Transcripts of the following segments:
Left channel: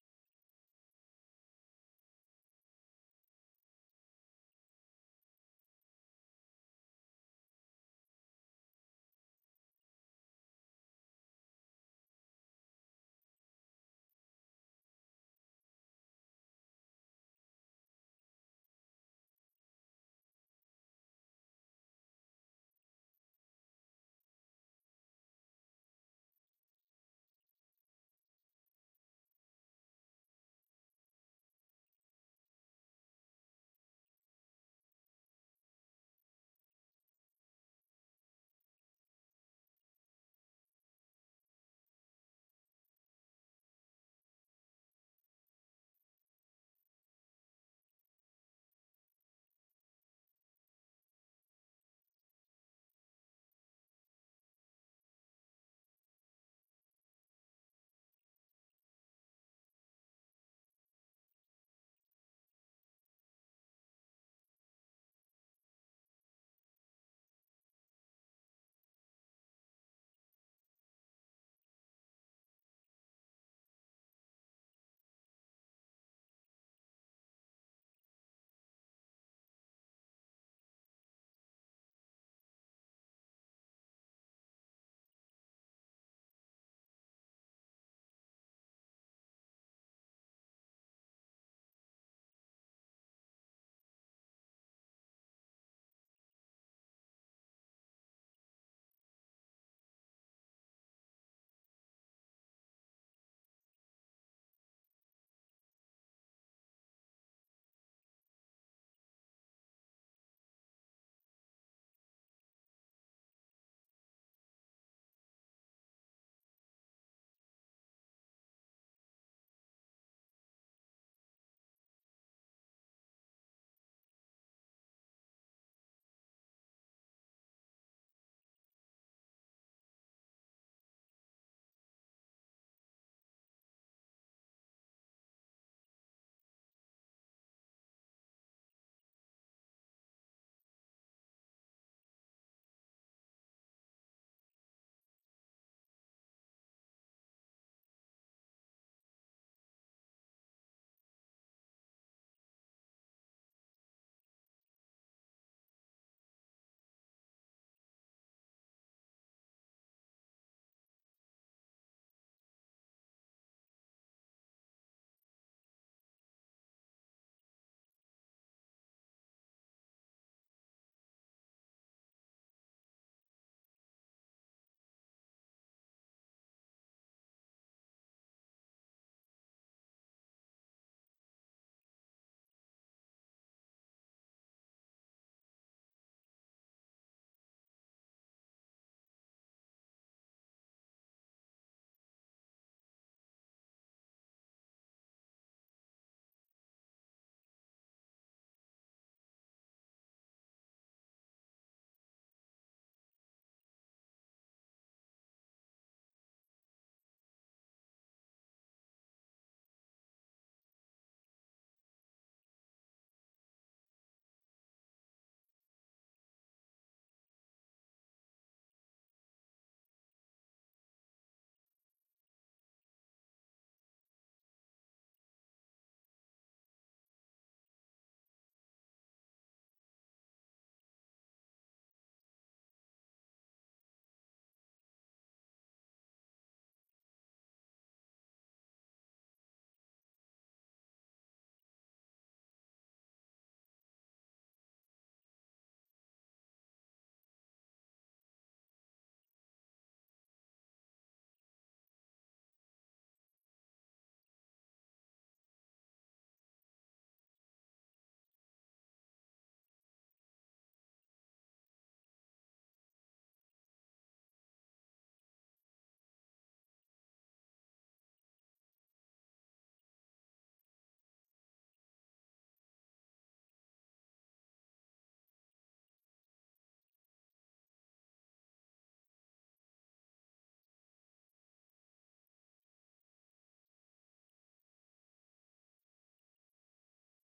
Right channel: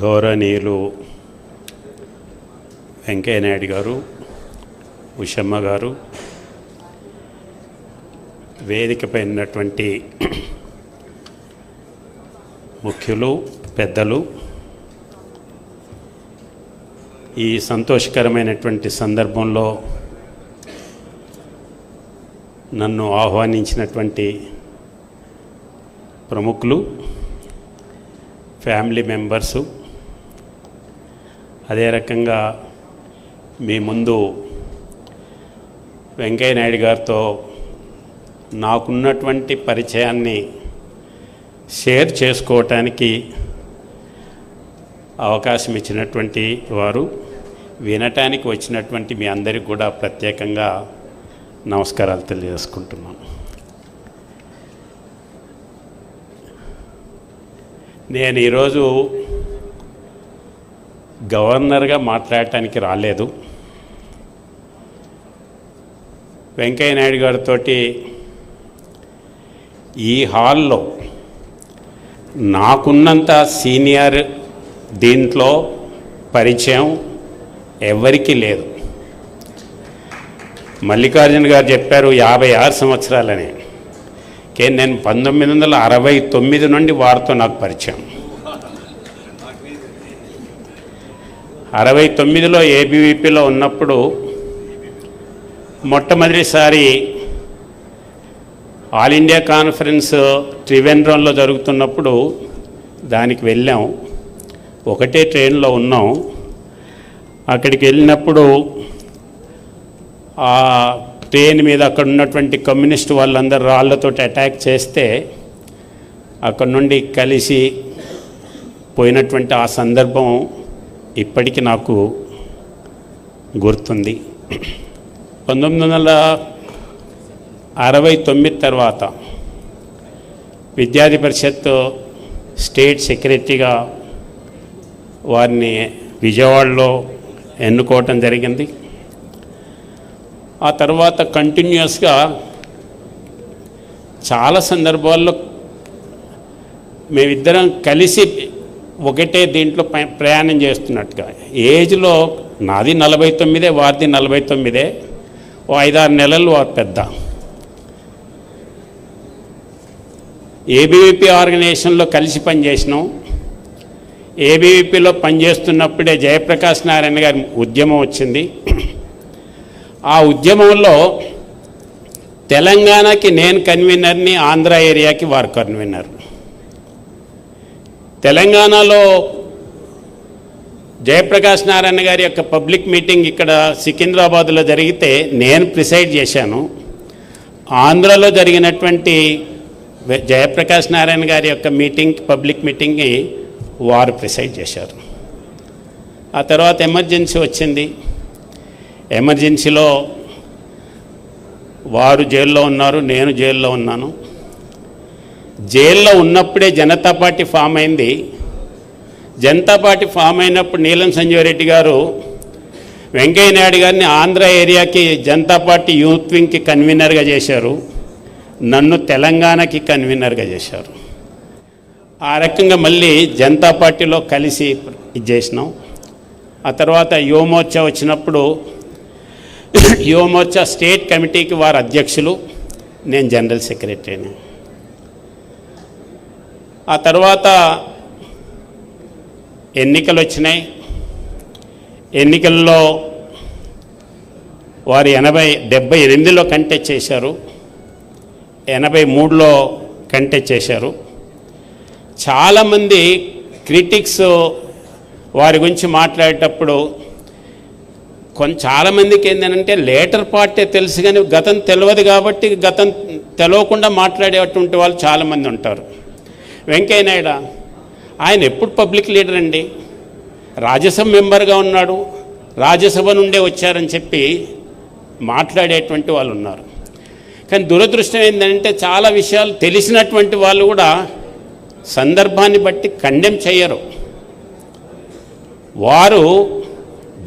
గౌరవనీయులు వెంకయ్య నాయుడు గారు, ఉషమ్మ గారు, వేదికపై ఉన్నటువంటి ముఖ్యులు, పెద్దలు, ఈ సంతోషకరమైనటువంటి సందర్భంలో నన్ను ఆహ్వానించినటువంటి ప్రముఖులు, ఫ్యామిలీ మెంబర్సు, అదే రకంగా మీ ముందు వెంకయ్య నాయుడు గారితో నాకున్నటువంటి పరిచయాన్ని షేర్ చేసుకోవటానికి అవకాశం ఇచ్చినటువంటి వారు, వినటానికి వచ్చినటువంటి మీ అందరికీ కూడా ప్రత్యేకంగా నమస్కారాలు తెలియజేసుకుంటున్నాను. నేను ఈరోజు గవర్నర్గా మాట్లాడటానికి రాలేదు. వెంకయ్య నాయుడు గారితో ఈ హాల్లో నాకున్నంత సీనియర్ దీంట్లో పరిచయం ఎవరికీ లేదు. మల్లికార్జున గారు చెప్పారు 56 సంవత్సరాలని. నేను 1969 నుండి వారితో నాకు పరిచయం. 69లో ఏబీవీపీలో ఉన్నప్పుడు మొట్టమొదటిసారి ఆల్ ఇండియా కాన్ఫరెన్స్ త్రివేంద్రంలో జరుగుతున్నప్పుడు దానికి వెళ్ళాం. ఒకటే ట్రైన్లో ఉన్నాం. అక్కడికి వెళ్ళినప్పుడు ఆ ట్రైన్ మీద అక్కడ ఉన్నటువంటి కమ్యూనిస్ట్ వాళ్ళందరూ రాళ్లతో అటాక్ చేస్తే అక్కడ నుండి కలిసి పోయినటువంటి ఆ సందర్భం ఇప్పటికీ నాకు గుర్తుంది. 1969 తర్వాత విద్యార్థి పరిషత్ స్టేట్ సెక్రటరీగా వారిని విజయవాడలో ఎన్నుకోవటం జరిగింది. ఆ తర్వాత కంటిన్యూస్గా చాలా సందర్భాల్లో మేమిద్దరం కలిసి ఒకటే దీంట్లో ప్రయాణం చేస్తున్నట్టుగా. ఏజ్లో నాది 49, వారిది 49, ఓ 5-6 నెలలు వారు పెద్ద. ఏబీవీపీ ఆర్గనైజేషన్లో కలిసి పనిచేసినాం. ఏబీవీపీలో పనిచేస్తున్నప్పుడే జయప్రకాష్ నారాయణ గారి ఉద్యమం వచ్చింది. ఆ ఉద్యమంలో తెలంగాణకి నేను కన్వీనర్ని, ఆంధ్ర ఏరియాకి వారు కన్వీనర్. తెలంగాణలో జయప్రకాష్ నారాయణ గారి యొక్క పబ్లిక్ మీటింగ్ ఇక్కడ సికింద్రాబాద్లో జరిగితే నేను ప్రిసైడ్ చేశాను. ఆంధ్రలో జరిగినటువంటి జయప్రకాష్ నారాయణ గారి యొక్క మీటింగ్, పబ్లిక్ మీటింగ్ని వారు ప్రిసైడ్ చేశారు. ఆ తర్వాత ఎమర్జెన్సీ వచ్చింది. ఎమర్జెన్సీలో వారు జైల్లో ఉన్నారు, నేను జైల్లో ఉన్నాను. జైల్లో ఉన్నప్పుడే జనతా పార్టీ ఫామ్ అయింది. జనతా పార్టీ ఫామ్ అయినప్పుడు నీలం సంజీవ్ రెడ్డి గారు వెంకయ్య నాయుడు గారిని ఆంధ్ర ఏరియాకి జనతా పార్టీ యూత్ వింగ్కి కన్వీనర్గా చేశారు. నన్ను తెలంగాణకి కన్వీనర్గా చేశారు. ఆ రకంగా మళ్ళీ జనతా పార్టీలో కలిసి ఇది చేసినాం. ఆ తర్వాత యువమోర్చా వచ్చినప్పుడు యువమోర్చా స్టేట్ కమిటీకి వారు అధ్యక్షులు, నేను జనరల్ సెక్రటరీని. ఆ తర్వాత ఎన్నికలు వచ్చినాయి. ఎన్నికల్లో వారు 78లో కంటెస్ట్ చేశారు, 83లో కంటెస్ట్ చేశారు. చాలామంది క్రిటిక్స్ వారి గురించి మాట్లాడేటప్పుడు చాలామందికి ఏంటంటే లేటర్ పార్టీ తెలుసు కానీ గతం తెలియదు కాబట్టి గతం తెలియకుండా మాట్లాడేటువంటి వాళ్ళు చాలామంది ఉంటారు. వెంకయ్య నాయుడు ఆయన ఎప్పుడు పబ్లిక్ లీడర్ అండి, రాజ్యసభ మెంబర్గా ఉన్నాడు, రాజ్యసభ నుండే వచ్చారని చెప్పి మాట్లాడేటువంటి వాళ్ళు ఉన్నారు. కానీ దురదృష్టం ఏంటంటే చాలా విషయాలు తెలిసినటువంటి వాళ్ళు కూడా సందర్భాన్ని బట్టి కండెమ్ చేయరు. వారు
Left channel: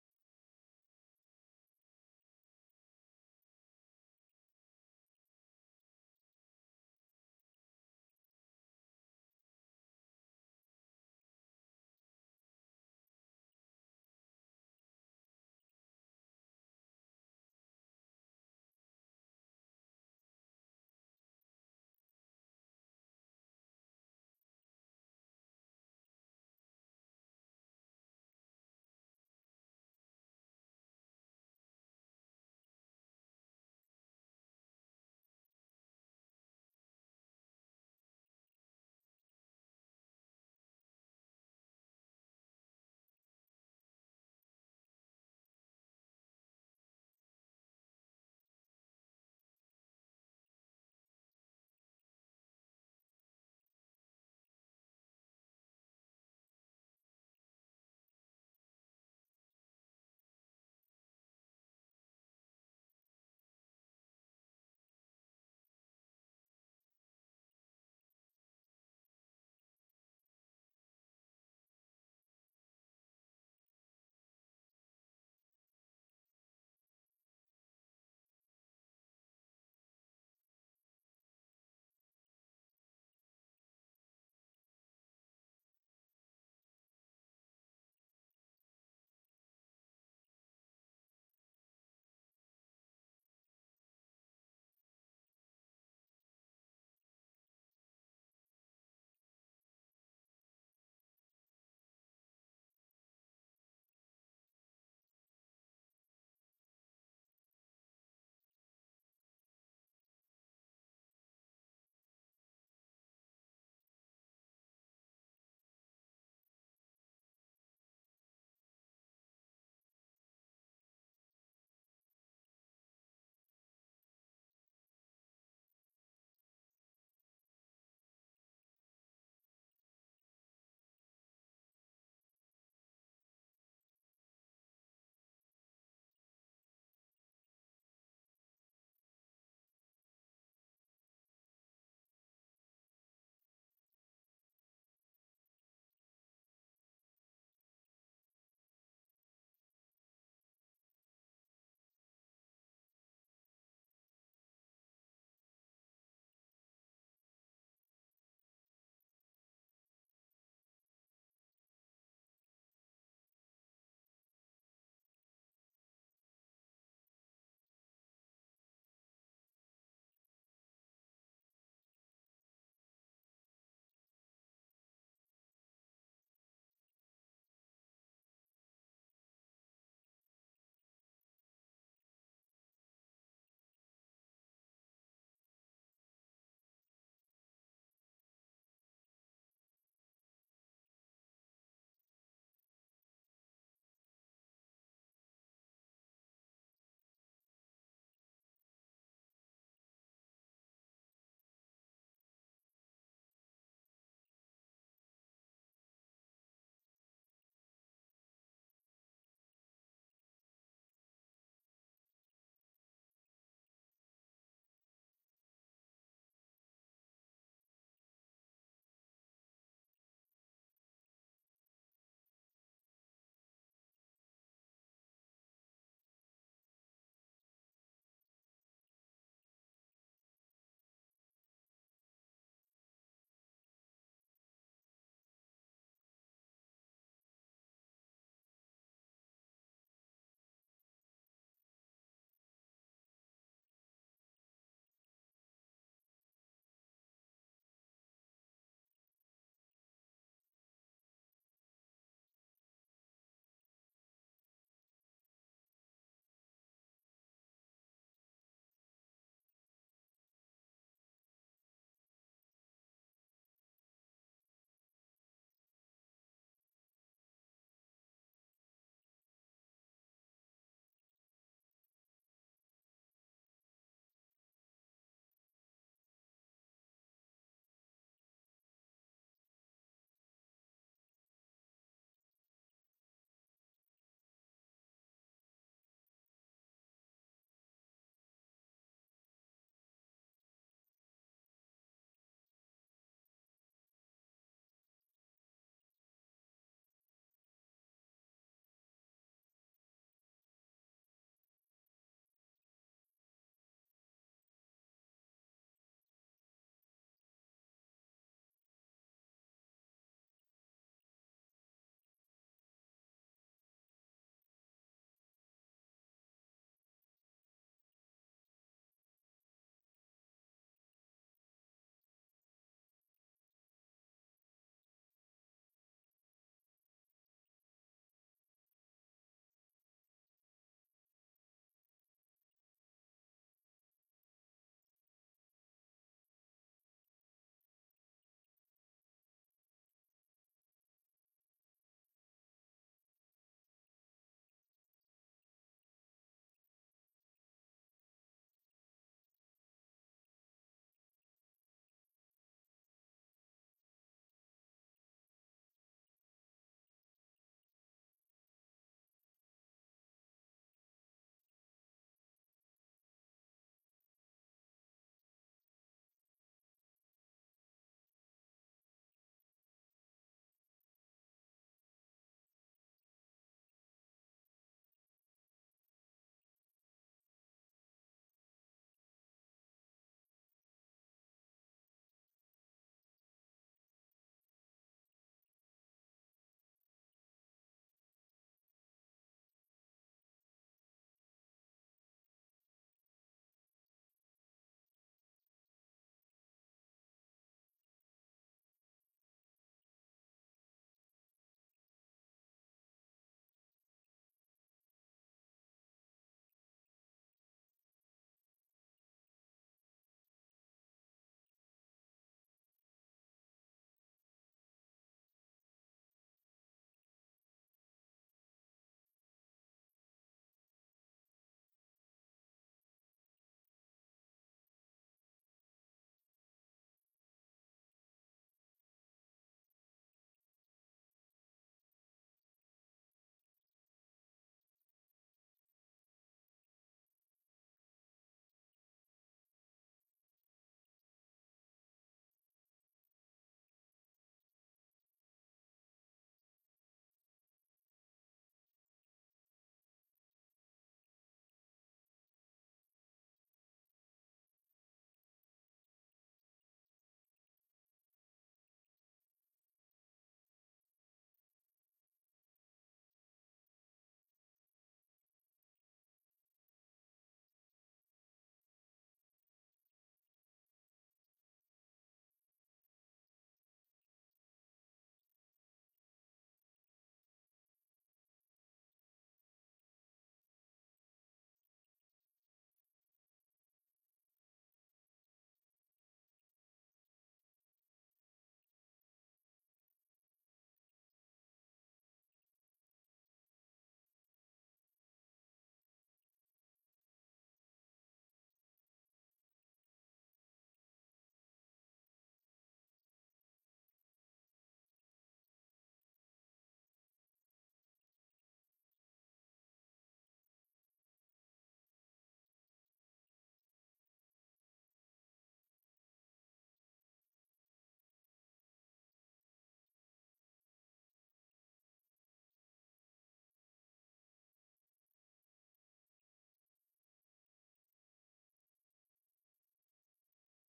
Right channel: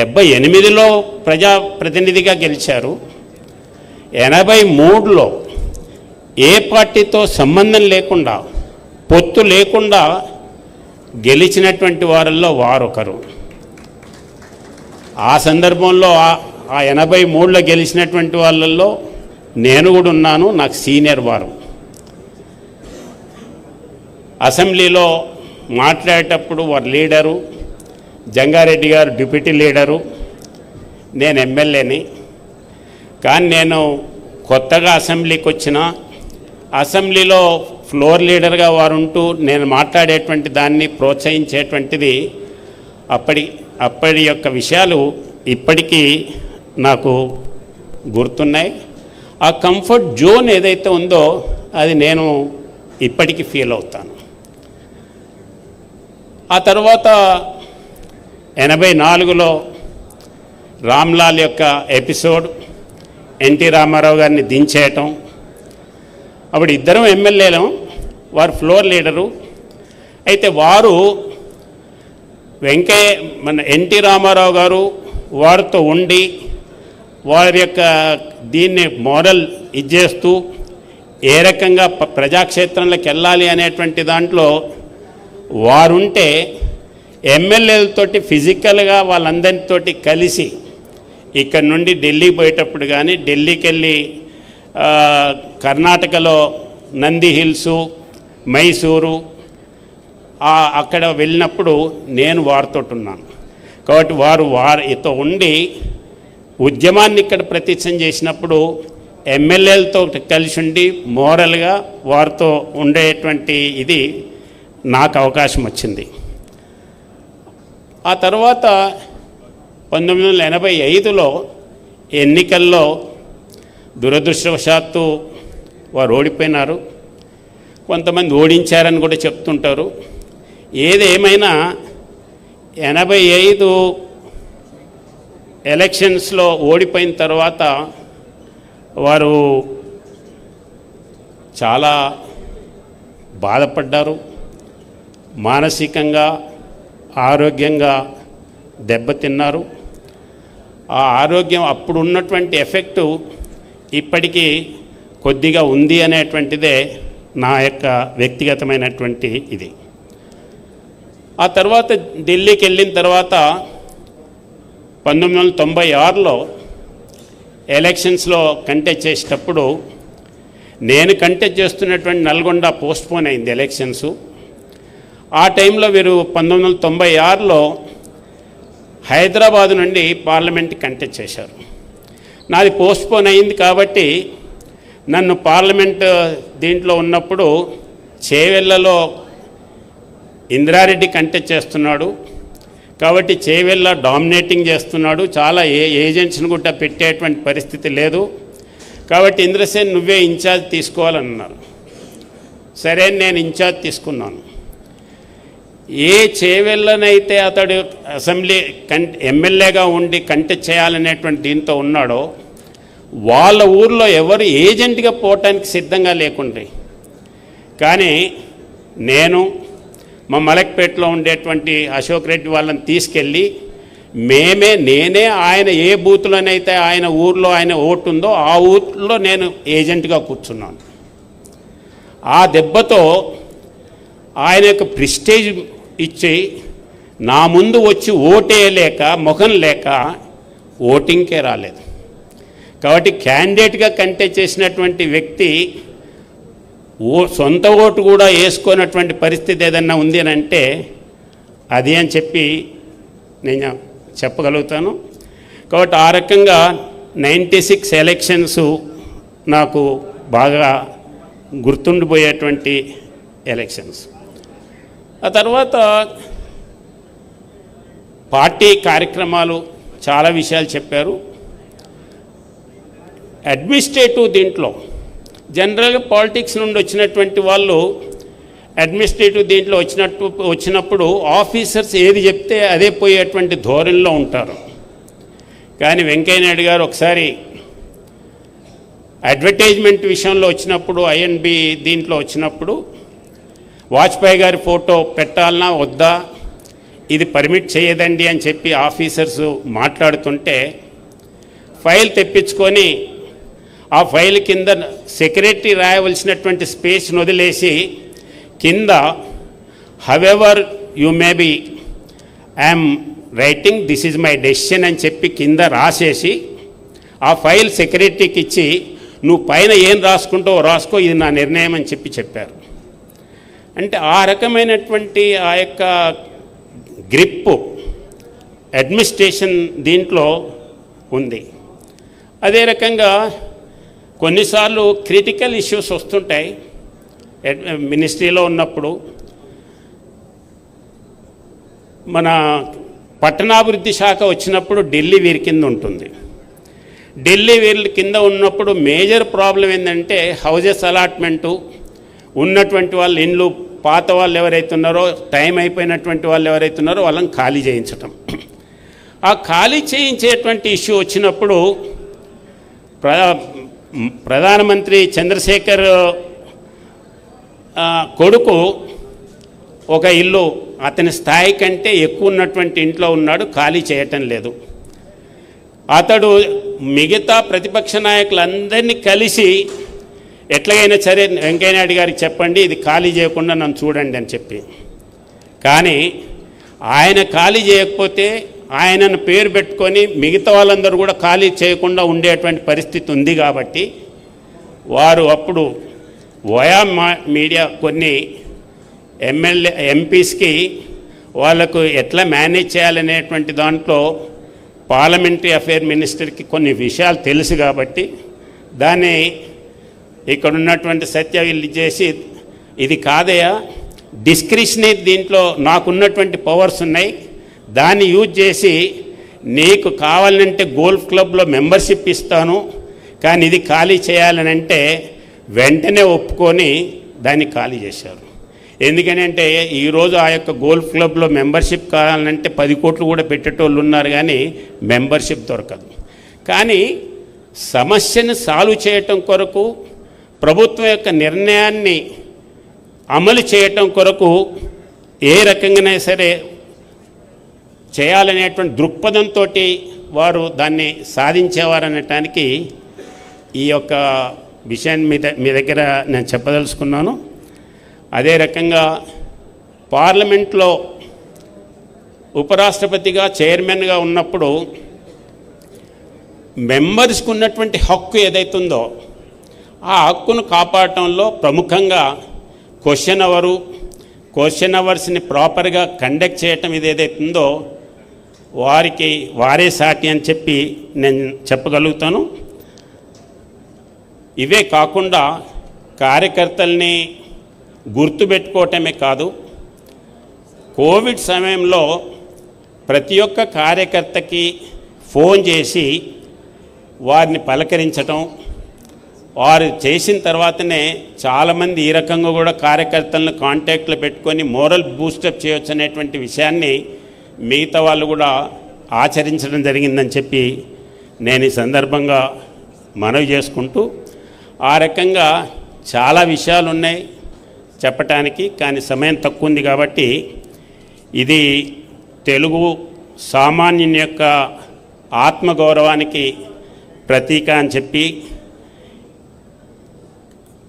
78లో ప్రజాప్రతినిధిగా గెలిచారు. 83లో ఏ పార్టీతో సంబంధం లేకుండా, పొత్తు లేకుండా గెలిచినటువంటి వారిలో వారొకరు. ఆ సందర్భంలో ఆ 83లో గెలిచినటువంటి వాళ్ళల్లో నేను కూడా ఉన్నాను, నాకు సీనియర్ వారు. అసెంబ్లీలో మాట్లాడేటప్పుడు వారు లీడరు, జంగారెడ్డి గారు డిప్యూటీ లీడరు, నేను ఎమ్మెల్యేని. కానీ నేను కొత్తగా అసెంబ్లీకి వచ్చిన, అసెంబ్లీలో ఫ్లోర్ లీడర్గా వారు ఉంటూ నేను మాట్లాడేటువంటి దాన్ని ప్రోత్సహించేటువంటిది అప్పటి యొక్క విషయాలు ఇప్పటికీ నాకు గుర్తున్నాయి. ఆ కంఫర్ట్ జోన్ ఏదైతే ఉందో అది నేను ఇప్పటికీ ఫీల్ అవుతాను. ఆ తర్వాత 84లో రామ్లాల్ యొక్క ఎపిసోడ్, ఎన్టీ రామారావు గారిని దించేయటం. అప్పుడు ఇద్దరం ఎమ్మెల్యేలం, వారు ఫ్లోర్ లీడరు. అయితే వారు మన ఎన్టీ రామారావు గారు వారితో ఉండి వారి యొక్క దీన్ని మోడల్ ఇచ్చేస్తూ ఏ రకంగా ప్రజాక్షేత్రంలోకి వెళ్ళాలి అనేటువంటి దాంట్లో వారుంటే ఎమ్మెల్యేలతోటి ఫిజికల్గా వాళ్ళందరితోటి కలిసి ఇక్కడ నుండి ఢిల్లీ పోయేటప్పుడు కానీ, ఢిల్లీకి వెళ్ళి కర్ణాటకలో నంది హిల్సు, మైసూరు అక్కడ వెళ్ళినప్పుడు నేను వారితో ఉన్నాను. కాబట్టి వారితో ఉండి ఉద్యమాన్ని ఇక్కడ ప్రతిష్టం చేసినప్పుడు ఎమ్మెల్యేలతో కలిసి ఉండి మోరల్గా వారితో ఉండేటువంటి ఇది నాకు అవకాశం వచ్చింది. ఆ తర్వాత 1985లో ఎన్నికల్లో దురదృష్టవశాత్తు వారు ఓడిపోయినారు. కొంతమంది ఓడించారని కూడా చెప్తుంటారు. ఏదేమైనా 85 ఎలక్షన్స్లో ఓడిపోయిన తర్వాత వారు చాలా బాధపడ్డారు. మానసికంగా, ఆరోగ్యంగా దెబ్బతిన్నారు. ఆ ఆరోగ్యం అప్పుడు ఉన్నటువంటి ఎఫెక్టు ఇప్పటికీ కొద్దిగా ఉంది అనేటువంటిదే నా యొక్క వ్యక్తిగతమైనటువంటి ఇది. ఆ తర్వాత ఢిల్లీకి వెళ్ళిన తర్వాత 1996లో ఎలక్షన్స్లో కంటెస్ట్ చేసేటప్పుడు నేను కంటెస్ట్ చేస్తున్నటువంటి నల్గొండ పోస్ట్పోన్ అయింది ఎలక్షన్సు. ఆ టైంలో వీరు 1996లో హైదరాబాదు నుండి పార్లమెంట్ కంటెస్ట్ చేశారు. నాది పోస్ట్పోన్ అయింది కాబట్టి నన్ను పార్లమెంట్ దీంట్లో ఉన్నప్పుడు చేవెళ్ళలో ఇంద్రారెడ్డి కంటెస్ట్ చేస్తున్నాడు కాబట్టి చేవెళ్ళ డామినేటింగ్ చేస్తున్నాడు, చాలా ఏజెంట్స్ని కూడా పెట్టేటువంటి పరిస్థితి లేదు. కాబట్టి ఇంద్రసేన్ నువ్వే ఇన్ఛార్జ్ తీసుకోవాలన్నారు. సరే నేను ఇన్ఛార్జ్ తీసుకున్నాను. ఏ చేవెళ్ళనైతే అతడు అసెంబ్లీ ఎమ్మెల్యేగా ఉండి కంటెస్ట్ చేయాలనేటువంటి దీంతో ఉన్నాడో వాళ్ళ ఊర్లో ఎవరు ఏజెంట్గా పోవటానికి సిద్ధంగా లేకుండే. కానీ నేను మా మలక్పేటలో ఉండేటువంటి అశోక్ రెడ్డి వాళ్ళని తీసుకెళ్ళి నేనే ఆయన ఏ బూత్లోనైతే ఆయన ఊర్లో ఆయన ఓటు ఉందో ఆ ఊర్లో నేను ఏజెంట్గా కూర్చున్నాను. ఆ దెబ్బతో ఆయన యొక్క ప్రిస్టేజ్ ఇచ్చి నా ముందు వచ్చి ఓటేయలేక ముఖం లేక ఓటింగ్కే రాలేదు. కాబట్టి క్యాండిడేట్గా కంటెస్ట్ చేసినటువంటి వ్యక్తి సొంత ఓటు కూడా వేసుకున్నటువంటి పరిస్థితి ఏదన్నా ఉంది అని అంటే అది అని చెప్పి నేను చెప్పగలుగుతాను. కాబట్టి ఆ రకంగా 96 ఎలక్షన్స్ నాకు బాగా గుర్తుండిపోయేటువంటి ఎలక్షన్స్. ఆ తర్వాత పార్టీ కార్యక్రమాలు చాలా విషయాలు చెప్పారు. అడ్మినిస్ట్రేటివ్ దీంట్లో జనరల్గా పాలిటిక్స్ నుండి వచ్చినటువంటి వాళ్ళు అడ్మినిస్ట్రేటివ్ దీంట్లో వచ్చినప్పుడు ఆఫీసర్స్ ఏది చెప్తే అదే పోయేటువంటి ధోరణిలో ఉంటారు. కానీ వెంకయ్య నాయుడు గారు ఒకసారి అడ్వర్టైజ్మెంట్ విషయంలో వచ్చినప్పుడు ఐఎన్బి దీంట్లో వచ్చినప్పుడు వాజ్పేయి గారి ఫోటో పెట్టాలన్నా వద్దా, ఇది పర్మిట్ చేయదండి అని చెప్పి ఆఫీసర్స్ మాట్లాడుతుంటే ఫైల్ తెప్పించుకొని ఆ ఫైల్ కింద సెక్రటరీ రాయవలసినటువంటి స్పేస్ను వదిలేసి కింద however you may be I'm writing this is my decision అని చెప్పి కింద రాసేసి ఆ ఫైల్ సెక్రటరీకి ఇచ్చి నువ్వు పైన ఏం రాసుకుంటావో రాసుకో, ఇది నా నిర్ణయం అని చెప్పారు. అంటే ఆ రకమైనటువంటి ఆ యొక్క గ్రిప్పు అడ్మినిస్ట్రేషన్ దీంట్లో ఉంది. అదే రకంగా కొన్నిసార్లు క్రిటికల్ ఇష్యూస్ వస్తుంటాయి మినిస్ట్రీలో ఉన్నప్పుడు. మన పట్టణాభివృద్ధి శాఖ వచ్చినప్పుడు ఢిల్లీ వీరి కింద ఉంటుంది. ఢిల్లీ వీరి కింద ఉన్నప్పుడు మేజర్ ప్రాబ్లం ఏంటంటే హౌజెస్ అలాట్మెంటు, ఉన్నటువంటి వాళ్ళు ఇండ్లు పాత వాళ్ళు ఎవరైతే ఉన్నారో, టైం అయిపోయినటువంటి వాళ్ళు ఎవరైతే ఉన్నారో వాళ్ళని ఖాళీ చేయించటం. ఆ ఖాళీ చేయించేటువంటి ఇష్యూ వచ్చినప్పుడు ప్రధానమంత్రి చంద్రశేఖర్ కొడుకు ఒక ఇల్లు అతని స్థాయి కంటే ఎక్కువ ఉన్నటువంటి ఇంట్లో ఉన్నాడు, ఖాళీ చేయటం లేదు. అతడు మిగతా ప్రతిపక్ష నాయకులందరినీ కలిసి ఎట్లాగైనా సరే వెంకయ్యనాయుడు గారికి చెప్పండి ఇది ఖాళీ చేయకుండా నన్ను చూడండి అని చెప్పి. కానీ ఆయన ఖాళీ చేయకపోతే ఆయనను పేరు పెట్టుకొని మిగతా వాళ్ళందరూ కూడా ఖాళీ చేయకుండా ఉండేటువంటి పరిస్థితి ఉంది. కాబట్టి వారు అప్పుడు వయా మీడియా కొన్ని ఎంపీస్కి వాళ్ళకు ఎట్లా మేనేజ్ చేయాలనేటువంటి దాంట్లో పార్లమెంటరీ అఫేర్ మినిస్టర్కి కొన్ని విషయాలు తెలుసు. కాబట్టి దాన్ని ఇక్కడ ఉన్నటువంటి సత్య వీళ్ళు చేసి ఇది కాదయా, డిస్క్రిషనరీ దీంట్లో నాకున్నటువంటి పవర్స్ ఉన్నాయి, దాన్ని యూజ్ చేసి నీకు కావాలంటే గోల్ఫ్ క్లబ్లో మెంబర్షిప్ ఇస్తాను, కానీ ఇది ఖాళీ చేయాలనంటే వెంటనే ఒప్పుకొని దాన్ని ఖాళీ చేశారు. ఎందుకనంటే ఈరోజు ఆ యొక్క గోల్ఫ్ క్లబ్లో మెంబర్షిప్ కావాలంటే 10 కోట్లు కూడా పెట్టేటోళ్ళు ఉన్నారు, కానీ మెంబర్షిప్ దొరకదు. కానీ సమస్యను సాల్వ్ చేయటం కొరకు, ప్రభుత్వం యొక్క నిర్ణయాన్ని అమలు చేయటం కొరకు ఏ రకంగానే సరే చేయాలనేటువంటి దృక్పథంతో వారు దాన్ని సాధించేవారనటానికి ఈ యొక్క విషయాన్ని మీ దగ్గర నేను చెప్పదలుచుకున్నాను. అదే రకంగా పార్లమెంట్లో ఉపరాష్ట్రపతిగా చైర్మన్గా ఉన్నప్పుడు మెంబర్స్కి ఉన్నటువంటి హక్కు ఏదైతుందో ఆ హక్కును కాపాడటంలో ప్రముఖంగా క్వశ్చన్ అవర్స్ని ప్రాపర్గా కండక్ట్ చేయటం ఇది ఏదైతుందో వారికి వారే సాటి అని చెప్పి నేను చెప్పగలుగుతాను. ఇవే కాకుండా కార్యకర్తల్ని గుర్తుపెట్టుకోవటమే కాదు, కోవిడ్ సమయంలో ప్రతి ఒక్క కార్యకర్తకి ఫోన్ చేసి వారిని పలకరించటం, వారు చేసిన తర్వాతనే చాలామంది ఈ రకంగా కూడా కార్యకర్తలను కాంటాక్ట్లో పెట్టుకొని మోరల్ బూస్టప్ చేయొచ్చు అనేటువంటి విషయాన్ని మిగతా వాళ్ళు కూడా ఆచరించడం జరిగిందని చెప్పి నేను ఈ సందర్భంగా మనవి చేసుకుంటూ, ఆ రకంగా చాలా విషయాలు ఉన్నాయి చెప్పటానికి, కానీ సమయం తక్కువ ఉంది. కాబట్టి ఇది తెలుగు సామాన్యుని యొక్క ఆత్మగౌరవానికి ప్రతీక అని చెప్పి,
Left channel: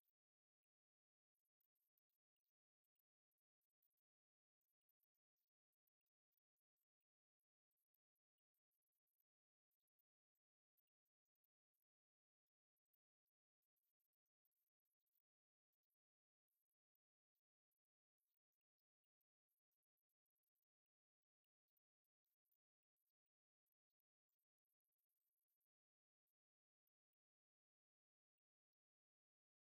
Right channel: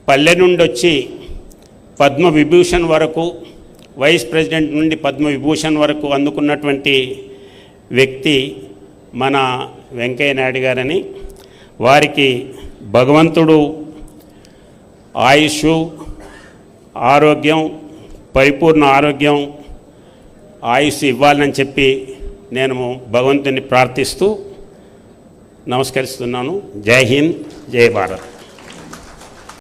పల్లె నుండి వచ్చి పద్మవిభూషణ్ వరకు, వైస్ ప్రెసిడెంట్ నుండి పద్మవిభూషణ్ వరకు అందుకున్నటువంటి వ్యక్తి మన వెంకయ్యనాయుడు గారని, వారికి భగవంతుడు ఆయుష్, ఆరోగ్యం, పరిపూర్ణ ఆరోగ్యం, ఆయుష్ ఇవ్వాలని చెప్పి నేను భగవంతుని ప్రార్థిస్తూ నమస్కరిస్తున్నాను. జై హింద్, జై భారత్.